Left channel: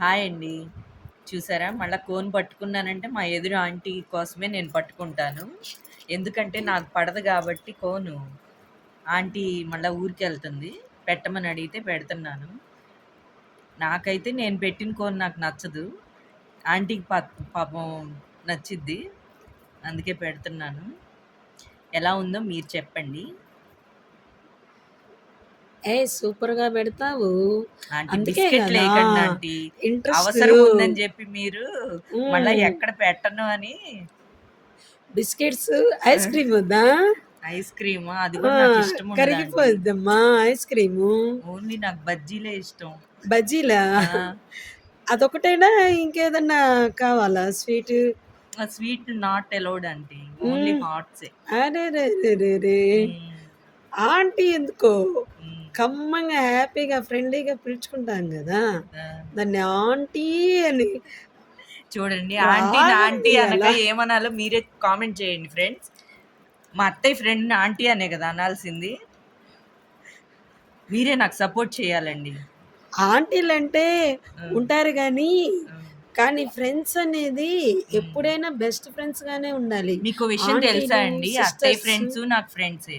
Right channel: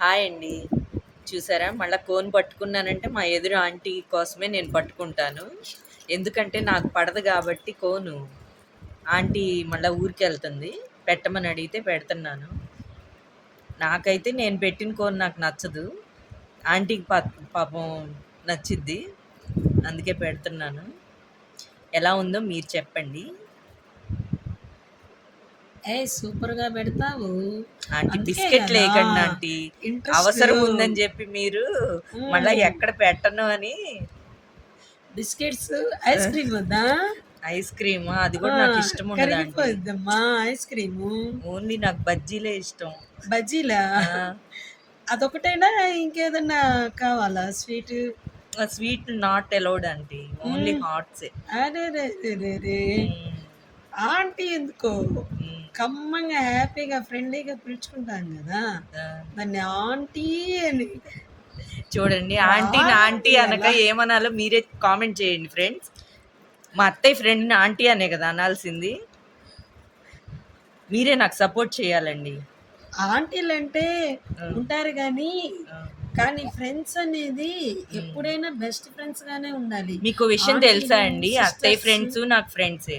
Hi అండి. చూసారా మళ్ళా కోన్ పట్టుకున్నానంటే మా ఎదురు ఆంటీ కోసమే నేను పట్టుకుంటాను. ఎందుకంటే నాకు పడదు గాబట్టి కోను. ఆంటీ మళ్ళా ఊరికెళ్తుంది. పెట్టమని అడిగితే పెడుతున్నాను. నాకైతే నేను పెట్టిన కోన్ నాకు నచ్చదు. ఆంటీకి పాపం నచ్చిద్ది. అందుకే పెడుతున్నాను. ఎలా ఉందో మీరు చెప్పండి. సూపర్‌గా పెడతావు. ఆంటీ అందుకే గదా! బిస్కెట్‌లేయకండి ఆంటీ. ఇంట్రెస్టు. అవసరం ఉందని జెప్పి మీరు మళ్ళా హ్మ్. ఎక్కడ పెట్టను అని బిస్కెట్స్, ఆ! ఐస్ క్రీమ్ వద్దా? ఐస్ క్రీమా? అది ఆ! గూడా నాకిష్టముండదు ఆంటీ. కరిగిపోయిద్దమ్మా ఐస్ క్రీము. ఓన్లీ నాకు బజ్జీలే ఇష్టం. బజ్జీలా? ఆ! అదొకటేనా? ఇంకేదన్నా కావాలా స్వీటు? ఆ sweet not allowed aunty. Only హ్మ్. హాట్సే. అరెరెరెరెరే! హ్మ్. ఆంటీ ఎందుకో? హ్మ్. కమ్మంగా, హ్యాపీగా, ఫ్రెండ్లీగా పిలుచుకుంటాం గదా! ఆ! దాన్ని ఆంటీ అని చూడండి ఆంటీని రాగానే ఆంటీ అనక పిలియాలా? ఏమనాలో మీరే కామెంట్ చేయండి ఫ్రెండ్స్. మా అత్తయ్య ఫ్రెండ్‌ని ఆంటీ అనే గదా అనాల్సింది. మీరే నాకు సపోర్ట్ చేయాలండి. ఆంటీలంటే ఆ! ఉంటారు గానీ, ఆ! కానీ ఫ్రెండ్స్ అనేది హ్మ్. ఎప్పుడైనా బెస్ట్ ఫ్రెండ్స్‌గానే ఉండాలి. మీకో విషయం తెలుసా ఆంటీలు, అండి? అత్తయ్య సిస్టర్స్ ఫ్రెండ్సు నాకు ఫ్రెండ్సే.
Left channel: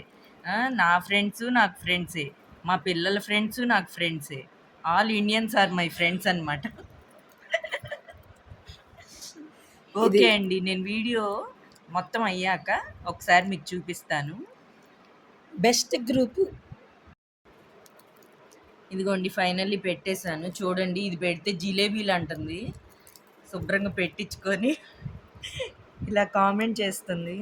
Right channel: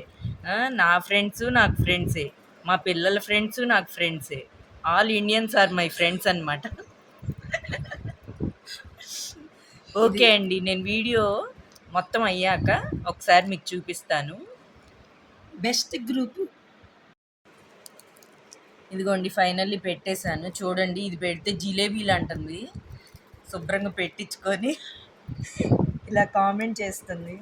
నా ఫ్రెండ్సు నాకు ఫ్రెండ్సే. మా పిల్లల ఫ్రెండ్సు నాకు ఫ్రెండ్సే. All Indians are my friends అనమాట. ఇది ఓకే అండి. నేను వీడియో మొత్తం అయ్యాక ఒకసారి మీకు చూపిస్తాను. Best group. ఇదిగోండి ఫైనల్లీ పెట్టేసాను. చూడండి ఇది పెడితే జిలేబీలంటుంది. శుభ్రంగా పెట్టించుకొని ఇలా కామెంట్ చేస్తుంది.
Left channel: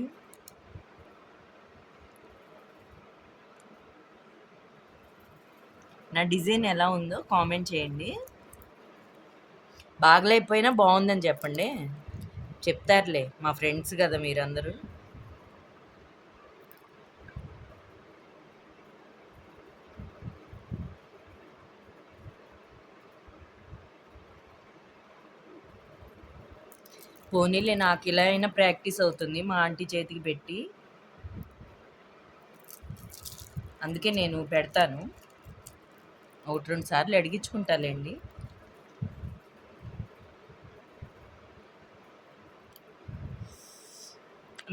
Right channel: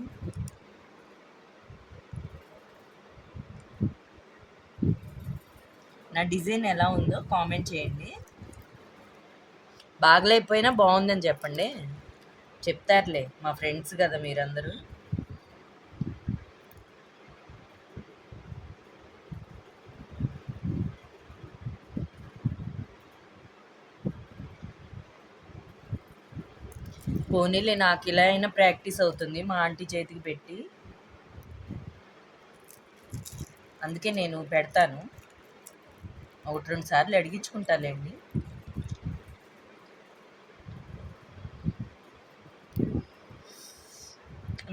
నా డిజైన్ ఎలా ఉందో కామెంట్ చేయండి. బాగలేకపోయినా బావుందని చెప్పండి. చెప్తారులే మా ఫ్రెండ్స్ గదా మీరందరూ. పోనీలే నాకిలా అయినా ప్రాక్టీస్ అవుతుంది మా ఆంటీ చేతికి పెట్టి. అందుకే నేను పెడతాను. 1, 2 సార్లు అడిగించుకుంటాలేండి.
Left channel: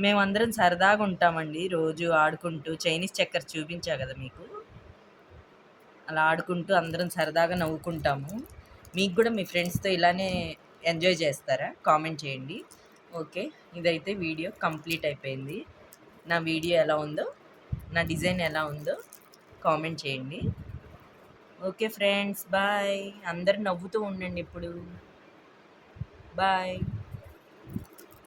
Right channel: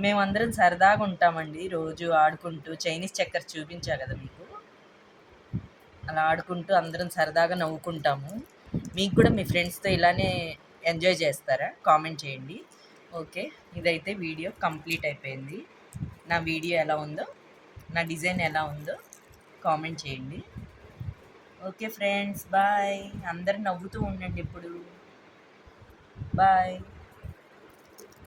మేమందరం సరదాగా ఉంటామండి. రోజు ఆడుకుంటూ చైనీస్ చెక్కర్స్ చూపించా గదా మీకు. అలా ఆడుకుంటూ అందరం సరదాగా నవ్వుకుంటాము. మీకు గూడా మీ ఫ్రెండ్స్‌తో ఇలానే ఎంజాయ్ చేస్తారా? కామెంట్ చేయండి. ఓకే. ఇదైతే వీడియో కంప్లీట్ అయిపోయింది. నా వీడియో ఎలా ఉందో, నా డిజైన్ ఎలా ఉందో కామెంట్ చేయండి. Okay friends. బాయ్. అందరూ నవ్వుతూ ఉండండి ఇప్పుడు. బాయ్.